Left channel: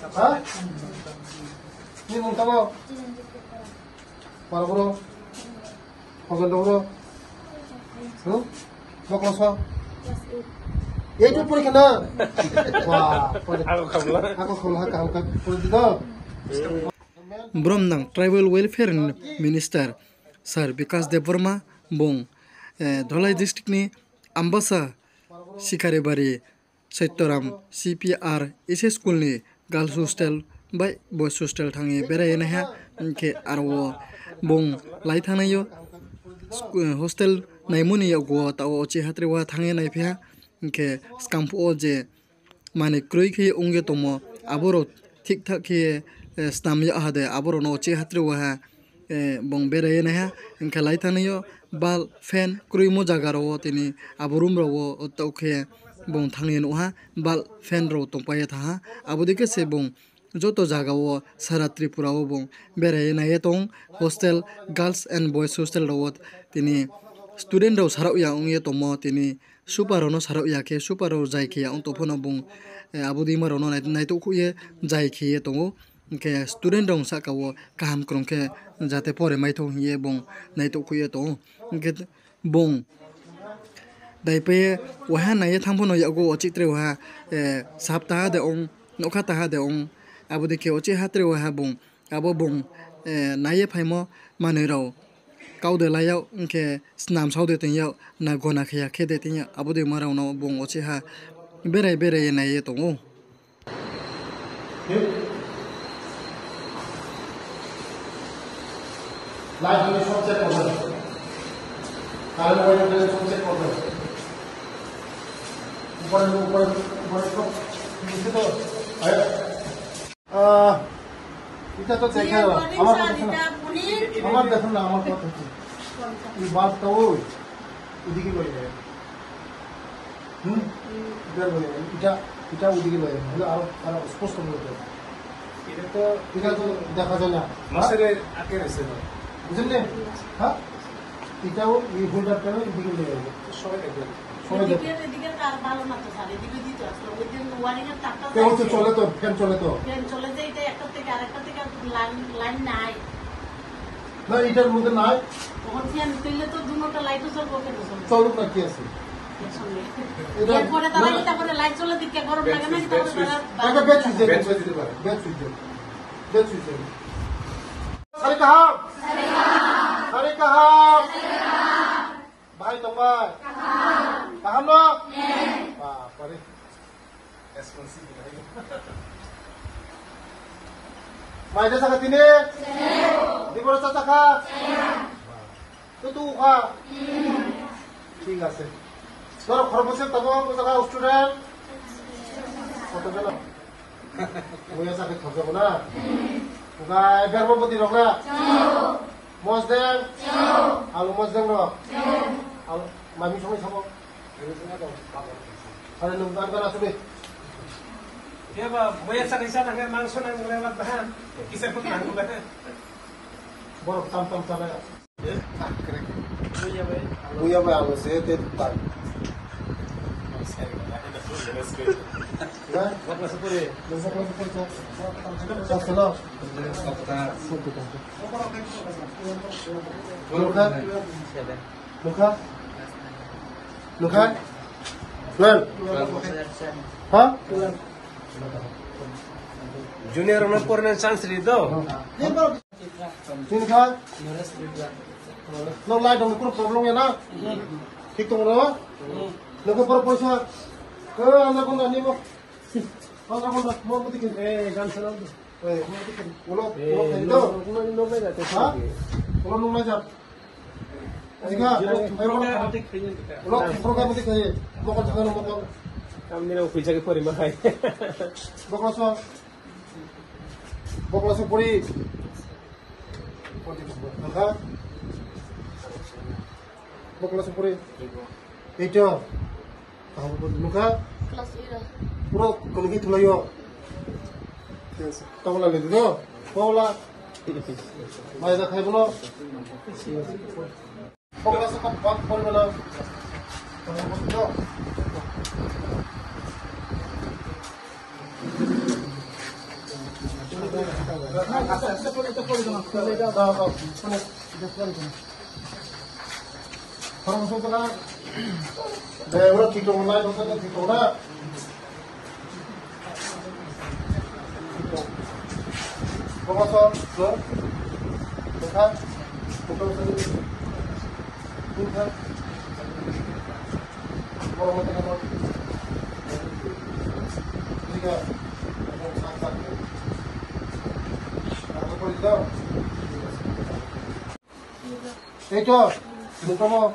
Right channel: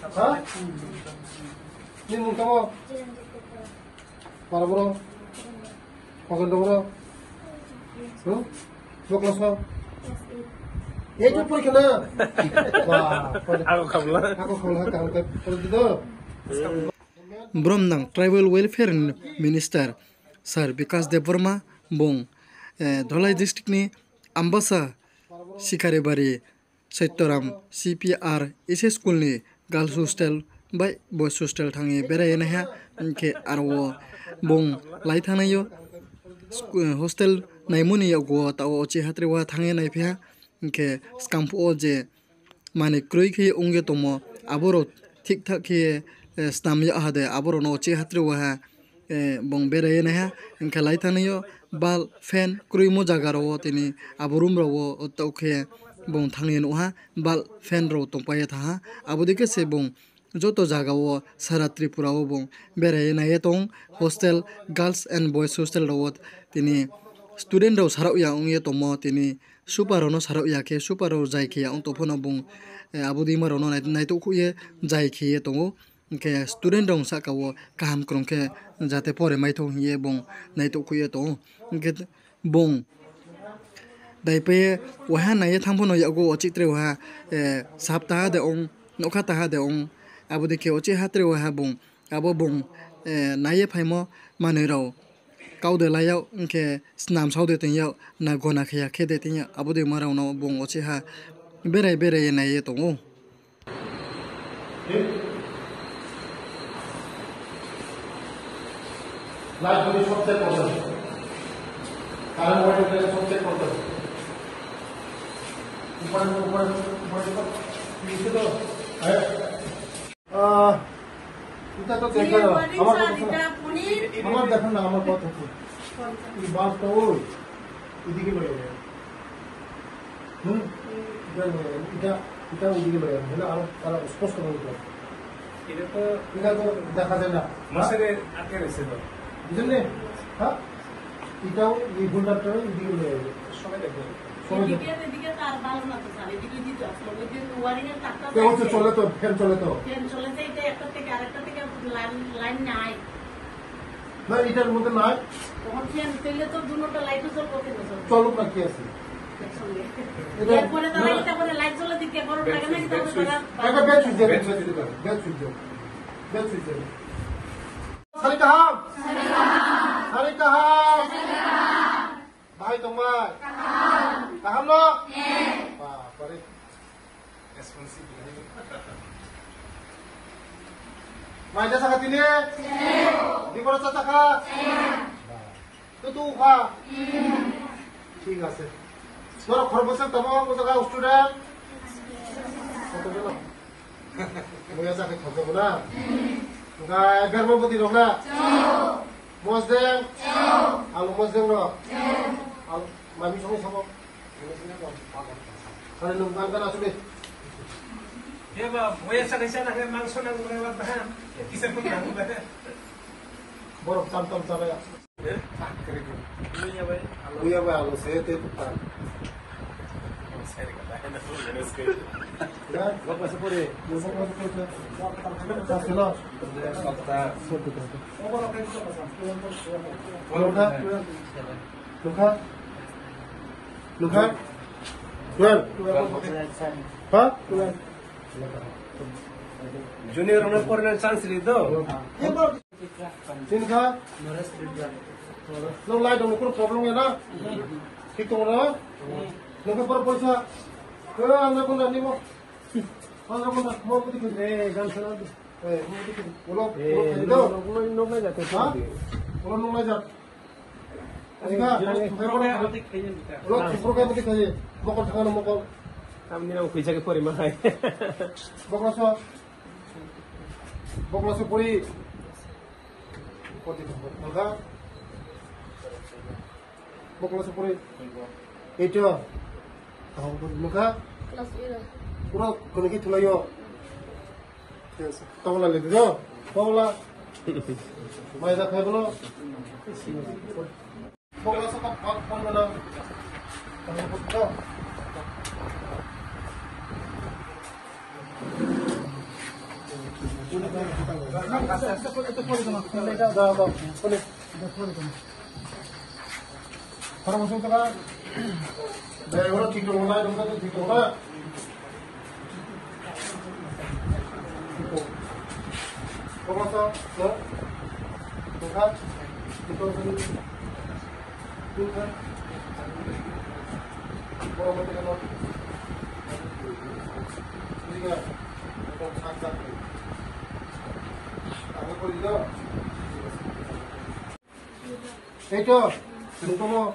Hah? Ini mau kamu? Mana bro? Makan dulu. Mau kelas apa? Ya itu pun kena. Wah, aku kalau angkat itu. Bromnang Tribal Welfare Minister Sir Vikas Devarma bong Dholai district ni Ambasa Sikaribari Saitoram CPR ese school ni girls hostel by boys hostel thangi berai na ha ke arwo bong lai thanayo hostel naimuni go ta o che hatre wa thangi nai pha ke scampo je mane kroi khi onge tomo aboro ঠিক ঠাক কি স্নাম ya hade aboro no che hatre wa bong berai na ha ke lai thanayo bal fan kroi mo jaga ro tini aborum ro to khe bong thangni no ha bal fan ro tongpai tha ha abodike se bong joto jaga o sara tripura o bong berai na etong hostel girls and boys hostel ro tini student ro sarau ya ong ye tomo tini super no sarau ya ke super ro jai ke ong to phono bong abodi maro no nai to khu ye jai ke tongo ke student dong sa ka o kaham krong ke jate pore mai thong ye bong nai to khu ye to ke bong dai pe waha nai thangphono ya go chitre wa sapta de ong nokha ta de ong abodi ke ochi hatre wa bong abo bong nai phaimo mane ro kaude layau ke snam saude tin yau na gona khya khede tin ya abodi marau no bong ochi ha berai berai nai ye tongo light হলে সবচেয়ে problem current wait হলে সবচেয়ে problem উপরে তো নিচে তো এটা তো দেখে আমার দেখুন না আমার কথা হচ্ছে বাস তো ওই ওইদিকে লয়ে যায় এটা লয়ে যায় এটা ওইদিকে লয়ে যায় হলে আরো স্পষ্ট বলতে এটা তো দেখা যায় না মাসের আটকে গেছে তো বুঝলেন হ্যাঁ এটাও এই ঘন্টার কেন এদিকে নিয়ে যাবে সবাই দেখবেন চলে তো ফ্যান চলে তো না এটার মধ্যে নাই চলুক না কি আছে भाई तुम कहा लो मायजा साका तिने दिबरा साका तो तू खा ठीक আছে তোর খরবসে তমো তো জায়গা স্টুডেন্ট কত গেল মইয়া সাকে খাবো না তোরা গর্ভবতী রং না মজদেন আলু মজদেন র আলু মামি সময় খাবো আরে লুমদান করা আসবে এবা বইয়া সাকে সাথে মাংস না নেওয়া বাহা কিসে কোন নাঙ্গু বাহা বড় টাম টাম চালায়া বইয়া বা আলু সে তে তাই জুনিয়র নো পড়নের চান্স রি তো তিন খা নো লাইট কোনো প্রবলেম है ना ঠিক তো বলো লোকে পর পয়সা আমরা কোন নিব আমরা কোন মো কতি কে গান শোনা এ মো কতি বলো বলো নো মে যাতে বলো নো মে যা এদিকে বলো প্রোগ্রাম মতে খাইয়ে বকল খান বকল আমি ও কই জায়গা পরি মাই বকলস পরি পতি নখা বকলস পরি এইটা মুখা পুরো কলকি থলাইও তবলা লেদি তো তবলা মাইদা খাই বলো বকলা সব বাক করবে না তুমি বুঝছো Orang musuh pula, deh orang tidur mulai nonton tidur lah. Bokasa, lo, देखा, betul sekali, betul. Orang macam apa? Tiga, orang kakak. Aku pun tidak. Itu, muka mau.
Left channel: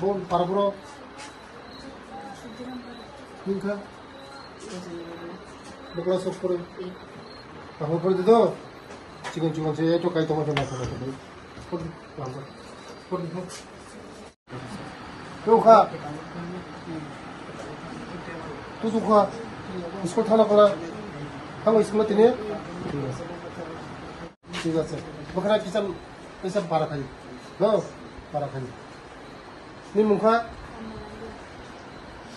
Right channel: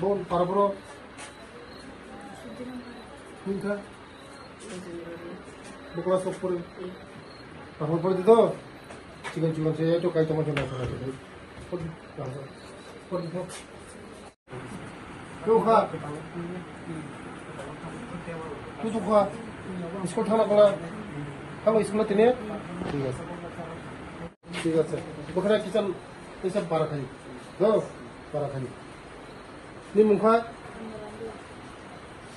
Bon, para bro. Minta. Bukan sopor. Aku pun itu. Cikan saya itu kayak tomat jelas saja. Pun, lambat. Pun. Tuh kah? Tuh kah? Sekolah thana kala. Kamu sekolah ini? ঠিক আছে ওখানে kitchen এসব পারা খাই হ্যাঁ পারা খাই নি মুখা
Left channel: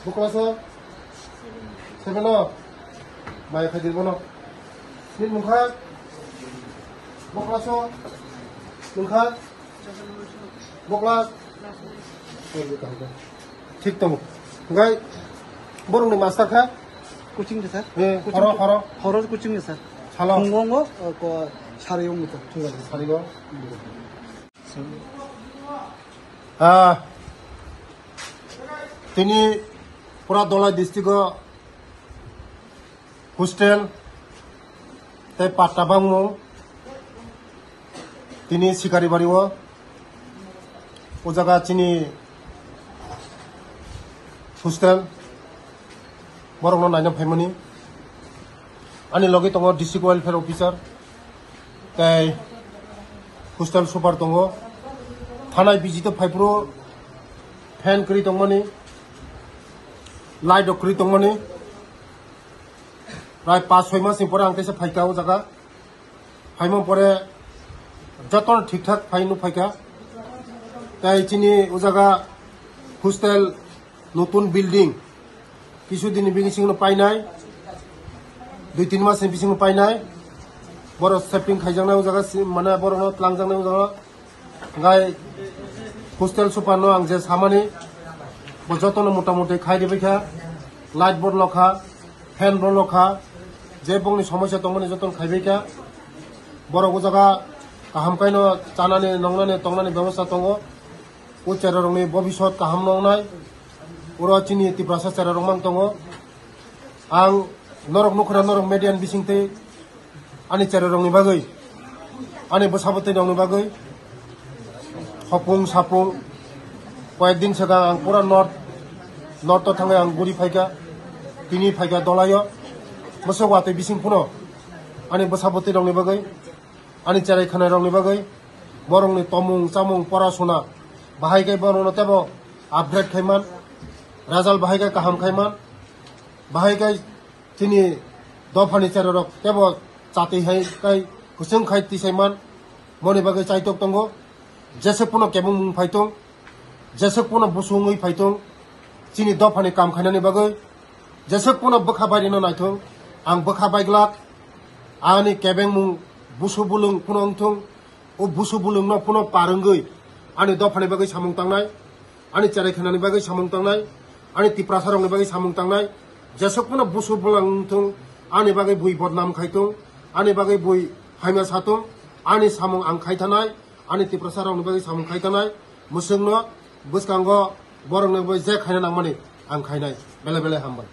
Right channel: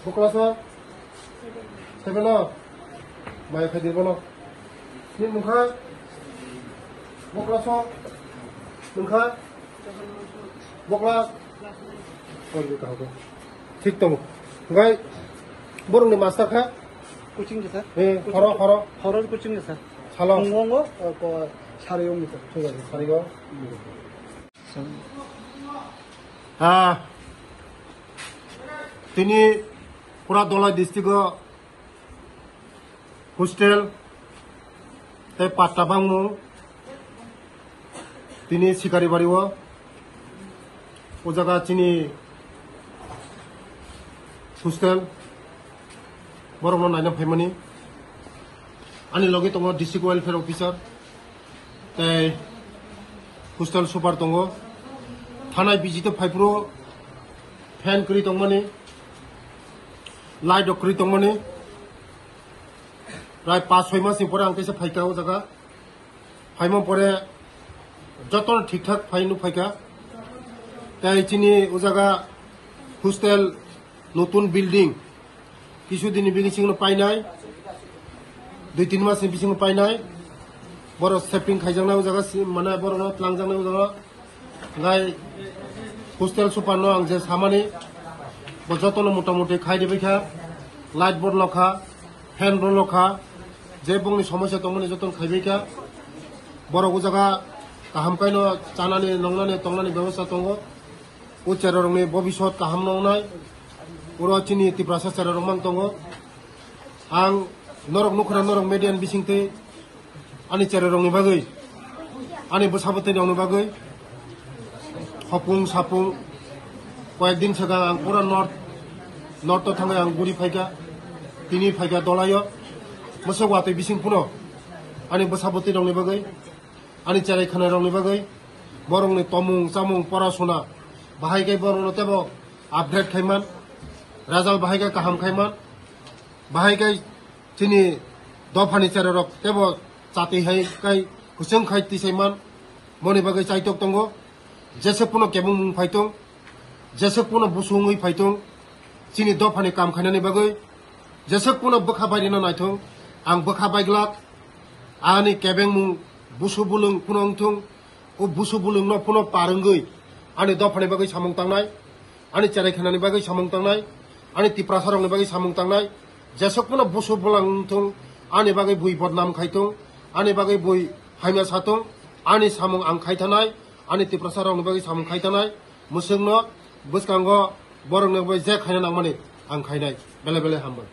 বকলাস সেভেন মায়ে খাই দিব না নি মুখা বকলাস মুখা বকলাস ঠিক তো গাই বরংনি মাস্টার খা কোচিং স্যার খর কোচিং স্যার 살아 공공어 사례용부터 살이고 তিনি পুরা দলাই ডিস্ট্রিক্ট হোস্টেল তাই পাট্টা বাংমু তিনি শিকারি বাড়িও ও জায়গা চিনি হোস্টেল বড় নাইন ফাইমানি आनी लगे दङ डिस्ट्रिक्ट वेलफेयर अफिसार ताई हस्टेल सुपार दङ थानाय बिजित फाइब्रो फैन करी दंमोनी लाइट करी दंमोनी प्राय 5-6 मास परे आं कैसे फाइका ओ जगह फाइमो परे जतन ठीक ठाक फाइनु फाइका ताई चिनी ओ जगह हस्टेल नतुन बिल्डिंग किछु दिन बिगिसिंग पाइनाय 2-3 मास बिसिंग पाइनाय बर सेपिंग खाइजांनाय जगह माने बरनो लांजांनाय जगह गाय हस्टेल सुपार नो आं जे सामानि बजतन मोटामुटी खाइदि बैखा लाइट बोर्ड लखा फैन रो लखा जे बंनि समस्या दंमोन जतन खाइबैखा बर जगह गाहाम कायनो जानानै नंनानै तंनानै व्यवस्था दङ ओ चेरारंनि भबिष्यत गाहाम नंनाय उरा चिनि तिप्रासा चेरारंमां दङ आं नरक नखरा नरक मेडियान बिसिंते आनी चेरारंनि बागै आनी बसाबते दंनि बागै हपुं सापुं कयेकदिन सिगां आं पुरा नर्थ थांनाय आं गुरि फाइका तिनि फाइका दलायो मोसौ वाते बिसिं पुनो आनी बसाबते दंनि बागै आनी चेराय खानाय दंनि बागै बरंनि तमुं चामुं परासुना बाहायगाय बरंनो तेबो आपग्रेड खायमान राजाल बाहायगाय गाहाम खायमान बाहायगाय चिनी दफानि चेरारक तेबो चाति हाय काय हुसुं खाय तिसायमान मनि बागै चाइतक दंगो जेसे पुनो केबुं फाइतों जेसे पुनो बुसुङै फाइतों चिनी दफानि काम खायनानि बागै जेसे पुनो बखा बायनो नायथों आं बखा बायग्लाक आनि केबें मुं बुसु बुलुं पुनो अंथों ओ बुसु बुलुं न पुनो पारंगै आनि दफानि बागै सामुं तांनाय आनि चेराय खानानि बागै सामुं तांनाय आनि तिप्रासारंनि बागै सामुं तांनाय जेसेकुनो बुसु बुलांथों आनि बागै बुइ बदनाम खायथों आनि बागै बुइ हायमा साथों आनि सामुं आं खायथानाय आनि तिप्रासारंनि बागै सामुं खायथानाय मुसुंनो बुसकांगो बरंनो जे खायना नांमानि आं खायनाय बेले बेले हामबाय